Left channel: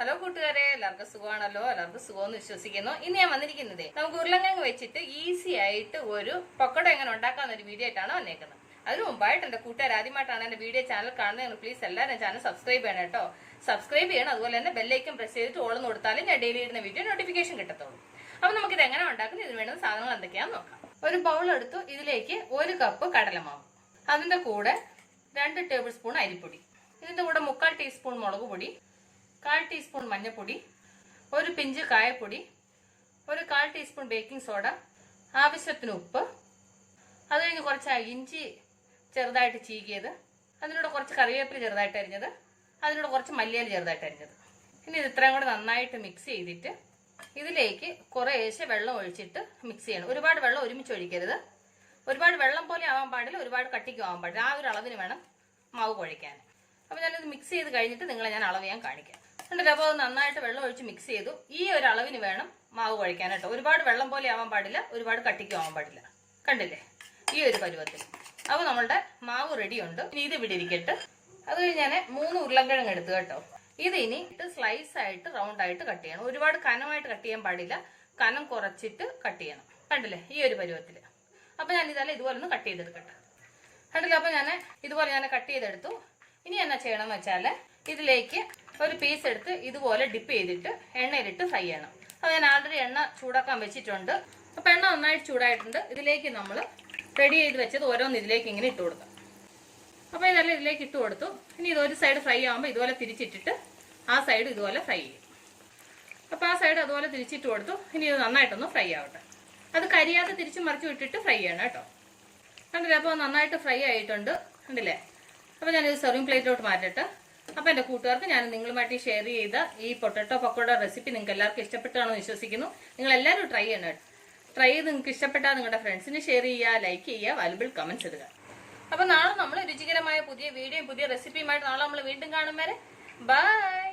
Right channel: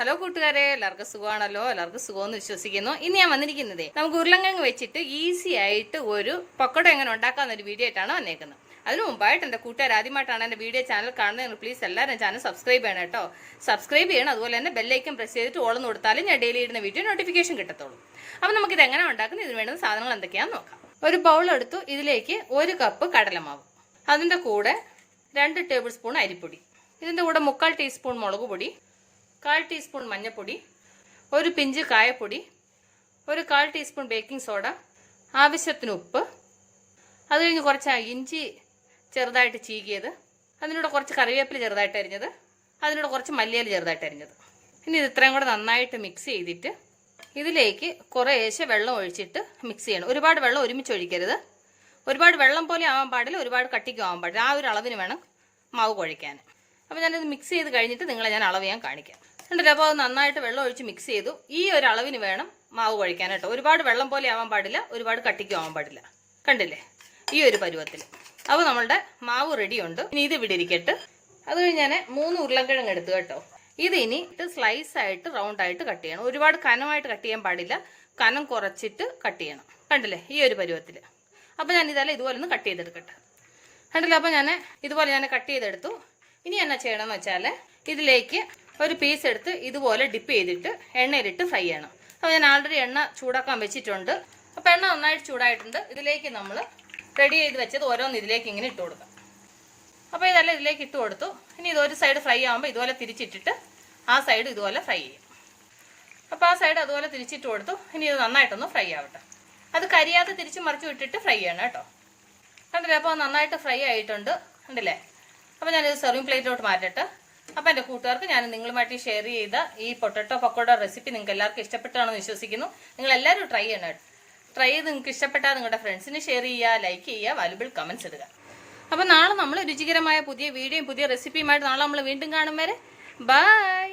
Hello കൂട്ടുകാരെ, എല്ലാവർക്കും സുഖമാണല്ലോ. എല്ലാവർക്കും സുഖമെന്ന് വിശ്വസിക്കുന്നു. ഇന്ന് ഞാൻ വന്നിരിക്കുന്നതേ നമുക്ക് ഉരുളങ്കിഴങ്ങ് വെച്ചിട്ട് ഈസി ആയിട്ട് ഒരു പക്കോട എങ്ങനെ ഉണ്ടാക്കാന്നൊരു വീഡിയോ ആയിട്ടാണ് വന്നേക്കുന്നത്. അതിന് മുമ്പായിട്ട് എൻ്റെ കൂട്ടുകാർ ആദ്യമായിട്ടാണ് എൻ്റെ വീഡിയോ ചാനൽ കാണുന്നത്, പ്ലീസ് എല്ലാവരും ചാനൽ സബ്സ്ക്രൈബ് ചെയ്യണം കേട്ടോ. സബ്സ്ക്രൈബ് ചെയ്യണം. അതുപോലെ തന്നെ ബെല്ലൈക്കൻ പ്രസ് ചെയ്തിട്ട് ഓളെന്ന് കൊടുത്താലും ഞാൻ ഡെയിലി ഇടുന്ന വീഡിയോ നോട്ടിഫിക്കേഷൻ കിട്ടത്തുള്ളൂ. അപ്പം നമുക്കിത് എങ്ങനെ ഉണ്ടാക്കുന്നത്, ഇതിന് വേണ്ടുന്ന സാധനങ്ങൾ എന്തൊക്കെയാണെന്ന് നോക്കാം. ഒരു ബൗൾ എടുത്തു. ഇതിലേക്ക് 1 കപ്പ് കടലമാവ്, അതിൻ്റെ കൂടെ 2 ടേബിൾ സ്പൂൺ അരിപ്പൊടി, ഇതിൻ്റെ കൂടെ 3/4 ടീസ്പൂൺ മുളക് പൊടി, 1/4 ടീസ്പൂൺ മഞ്ഞൾപ്പൊടി, ഒരു പിഞ്ച് കായപ്പൊടി, ഒരു 1/4 ടീസ്പൂൺ ബേക്കിംഗ് സോഡ, ആവശ്യത്തിന് ഉപ്പ്, അത് കഴിഞ്ഞ് കുറച്ച് ഇഞ്ചി ചെറുതായിട്ട് ചീകിയത്, അതിനോട് കുറച്ച് കറിവേപ്പില ചെറുതായിട്ട് അരിഞ്ഞത്, അതിനോട് കുറച്ച് മല്ലിയില ചെറുതായിട്ട് അരിഞ്ഞത്. ഇനി ഇത് ഇത്രയും കൂടെ നന്നായിട്ട് മിക്സ് ചെയ്തിട്ട് ഇതിലേക്ക് കുറേശ്ശെ വെള്ളം ഒഴിച്ചിട്ട് മിക്സ് ചെയ്യണം. ഒരുപാട് വെള്ളം ഒരുമിച്ച് ഒഴിക്കരുത്. ഒരുപാട് വെള്ളം പോലെ ആവാൻ പാടില്ല, ഒരുപാട് കട്ടിക്കും ആവാൻ പാടില്ല. ആ ഒരു അളവിന് വേണം മാവ് കുഴയ്ക്കാൻ. അപ്പോൾ ഞാനിത് മിക്സ് ചെയ്ത് കഴിഞ്ഞിട്ട് നിങ്ങളെ ഞാൻ അളവ് ഞാൻ കാണിക്കാം. ഉണ്ടല്ലോ. അപ്പോൾ അത് നന്നായിട്ട് വെള്ളം ഒഴിച്ച് മിക്സ് ചെയ്തു. ഈ ഒരു അളവിന് വേണം മാവ് കുഴയ്ക്കാൻ കേട്ടോ. ഒരുപാട് വെള്ളം പോലെ ആവാൻ പാടില്ല, ഒരുപാട് കട്ടിക്കും ആവാൻ പാടില്ല. കണ്ടില്ലേ, ഈ ഒരു പരുവത്തിൽ. അപ്പോൾ നമ്മളുടെ മാവ് റെഡിയുണ്ട്. ഇനി ഇത് ഇവിടെ ഇരിക്കട്ടെ. അത് കഴിഞ്ഞ് ഞാൻ 3 ഉരുളക്കിഴങ്ങ് എടുത്തു കേട്ടോ. ഇത് ഇനി സ്ലൈസ് ആയിട്ട് റൗണ്ട് ആയിട്ട് കട്ട് ചെയ്യണം. ഒരുപാട് കനമായിട്ട് കട്ട് ചെയ്യാൻ പാടില്ല, കനം കുറച്ചിട്ട് കട്ട് ചെയ്യണം. കണ്ടില്ലേ, ഈ ഒരു പരുവത്തിൽ. അപ്പോൾ ഞാൻ ഇതെല്ലാം ഇതുപോലെ ഒന്ന് കട്ട് ചെയ്തെടുക്കട്ടെ. കണ്ടില്ലേ, അപ്പോൾ ഞാൻ ഇതുപോലെ കട്ട് ചെയ്തെടുത്തു. ഇനി എന്നാ ചെയ്യണമെന്ന് വെച്ചാൽ ഇതിലേക്ക് ഒരു പീസ് എടുത്ത് ഇതുപോലെ ഡിപ്പ് ചെയ്തിട്ട് എണ്ണയിലിട്ട് ഫ്രൈ ചെയ്യണം. അപ്പോൾ ഞാൻ ആൾറെഡി എണ്ണ ചൂടാക്കാൻ വെച്ചിട്ടുണ്ട്. അപ്പോൾ എണ്ണ നന്നായിട്ട് ചൂടായിട്ടുണ്ട്. ഇതിലേക്ക് നമ്മൾ റെഡി ചെയ്ത് വെച്ചത് ഓരോന്ന് ഇതിലേക്ക് ഇങ്ങനെ ഇട്ട് കൊടുക്കാം. അപ്പോൾ ഇതെല്ലാം ഇതിലേക്ക് ഇട്ട് കൊടുത്തു. ഇനി ഇതൊരു സൈഡ് ഫ്രൈ ആകുമ്പോൾ ഇതുപോലെ തിരിച്ചിട്ടിട്ട് ആ സൈഡ് ഇതുപോലെ ഫ്രൈ ചെയ്യും. അപ്പോൾ ആ സൈഡ് അതുപോലെ തിരിച്ചിട്ട് കൊടുത്തു. ഇനി ഇത് നന്നായിട്ടൊന്ന് ഫ്രൈ ആവട്ടെ. അത് കരിയാതെ തിരിച്ച് മറിച്ച് വിട്ടിട്ട് ഫ്രൈ ചെയ്യണം കേട്ടോ. കണ്ടില്ലേ, അപ്പോൾ നന്നായിട്ട് ഫ്രൈ ആയിട്ടുണ്ട്. കണ്ടില്ലേ. അപ്പോൾ ഞാനിത് സെർവിങ് പ്ലേറ്റിലോട്ട് മാറ്റട്ടെ. അപ്പോൾ എൻ്റെ കൂട്ടുകാർക്ക് ഞാൻ നിങ്ങളുമായിട്ട് ഷെയർ ചെയ്ത ഈ പൊട്ടറ്റോ പക്കോട റെസിപ്പി നിങ്ങൾക്ക് എല്ലാവർക്കും ഇഷ്ടപ്പെട്ടാണെന്ന് വിശ്വസിക്കുന്നു. നിങ്ങളെല്ലാവരും ട്രൈ ചെയ്യണം. ട്രൈ ചെയ്ത് നിങ്ങൾക്ക് ഇഷ്ടപ്പെട്ടാൽ നിങ്ങളുടെ ഫ്രണ്ട്സിന് ഷെയർ ചെയ്യുക, ലൈക്ക് ചെയ്യുക, വാല്യുബിൾ കമൻറ്റ്സ് ഇടുക. അപ്പോൾ നാളെ നമ്മൾ രുചികരമായ പുതിയ വീഡിയോയും പുതിയ റെസിപ്പിയുമായിട്ട് നാളെ നമ്മൾ വീണ്ടും കാണും വരെ ബൈ.